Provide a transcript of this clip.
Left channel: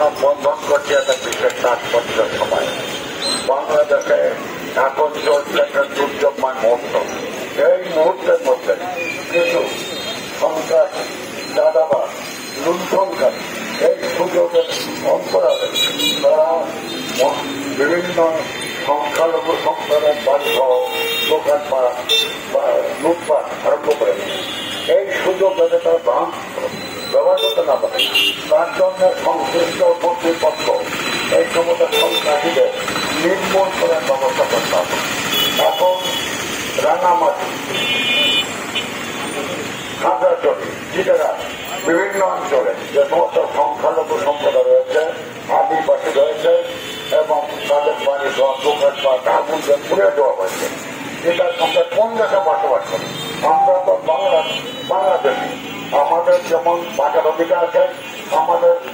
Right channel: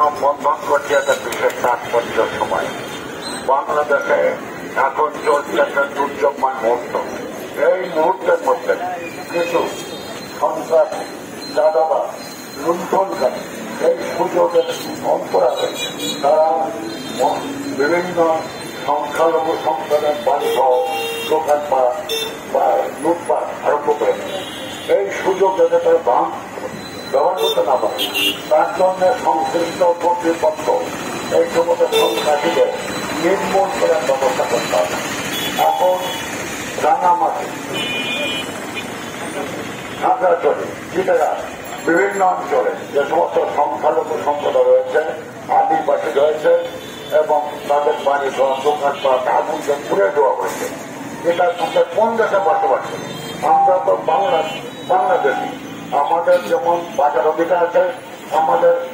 মানববন্ধন করছে একটা বিশেষ তাৎপর্যের সময়। বাংলাদেশে এখন চলছে একটা দুর্যোগমান মুহূর্ত। এই মুহূর্তের মধ্যে কিছু সন্ত্রাস, দাদাবাদ, লুণ্ঠনকারী এই সুযোগের অন্তরালে তারা বিভিন্ন সংখ্যালঘু সম্প্রদায়ের বাড়িঘর, দোকানপাট বা লুটপাট আরম্ভ করে এই সুযোগ যাতে তার ব্যবহার করতে না পারে তার জন্য সংশ্লিষ্ট কর্তৃপক্ষ এই সমস্ত সন্ত্রাসীদের নির্মূল করার ব্যবস্থা করতে হবে। এখন রাঙামাটি, খাগড়াছড়ি, চিটাগাং বিভিন্ন অঞ্চলে যে সমস্ত সংখ্যালঘু সম্প্রদায় রয়েছে, আদিবাসী রয়েছে এবং তাদের বাড়ি ঘর, দোকানপাট আগুন পুড়ে দেওয়া হয়েছে। এটার সঙ্গে কোন দেশে বসবাস করি? আমরা তো বাংলাদেশি। আমাদের যেমন বাজার অধিকার আছে, আমাদের